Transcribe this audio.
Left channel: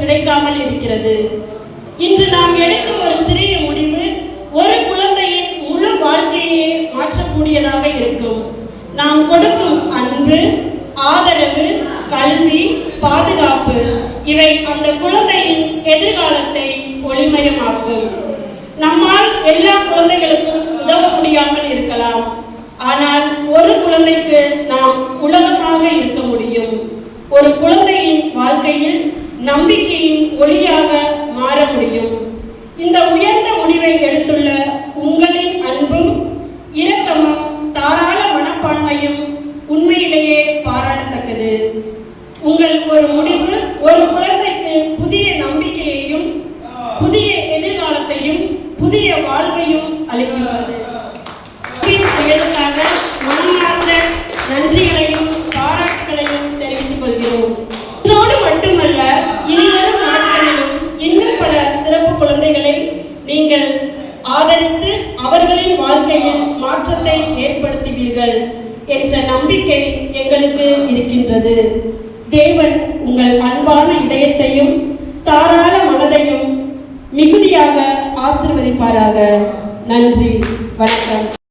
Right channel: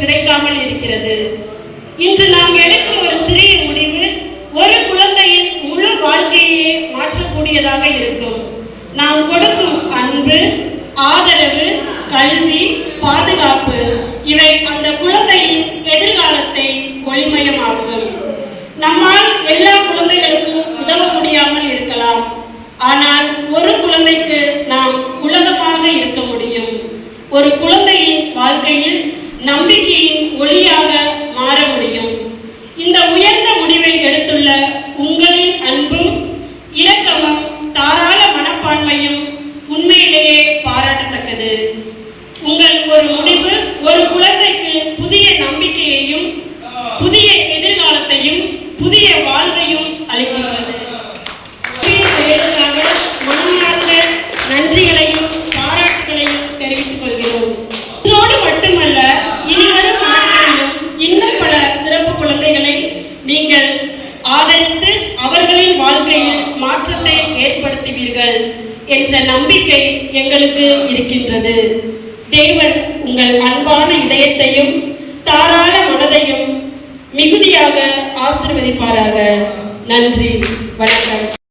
கிடைக்காமல் இருக்கிறது. இன்று நாம் எடுக்கும் ஒரு சிறிய முடிவு ஒரு குழந்தையின் முழு வாழ்க்கையே மாற்றக்கூடியதாக இருக்கும். நாம் கொடுக்கும் அன்பு, ஆதரவு, கல்வி, பாதுகாப்பு இவை அந்த குழந்தையின் எதிர்காலத்தை ஒளிமயமாக்கும். நம்மால் எல்லா குழந்தைகளுக்கும் உதவ முடியாமல் இருக்கலாம். ஆனால் ஒரு குழந்தைக்கு நாம் உலகமாக இருக்க முடியும். ஒரு குழந்தையின் வாழ்க்கையில் நம்பிக்கையின் ஒளியாக மாற முடியும். இந்த உயர்ந்த முடிவை எடுத்துள்ள உங்களின் அன்பும் இரக்கமும் தாராள மனப்பான்மையும் உண்மையிலேயே பாராட்டத்தக்கது. உங்கள் ஒரு முடிவு ஒரு குழந்தைக்கு புதிய நம்பிக்கையையும் புதிய எதிர்காலத்தையும் புதிய வாழ்வையும் அளிக்கின்றது. மனமார்ந்த நன்றிகளையும் பாராட்டுகளையும் தெரிவித்துக் கொள்கிறோம். இதோடு மட்டுமல்ல, இனிவரும் நாட்களிலும் இன்னும் பல சிறப்பு குழந்தைகளை நீங்கள் ஆதரித்து அவர்களின் வாழ்க்கையில் மாற்றத்தை ஏற்படுத்துவீர்கள் என்ற நம்பிக்கை எங்களுக்கு இருக்கின்றது. தேவன் உங்கள் அன்பான இதயத்தையும் தாராள மனதையும் மிகுதியாக ஆசீர்வதிப்பாராக. நன்றி, வணக்கம்.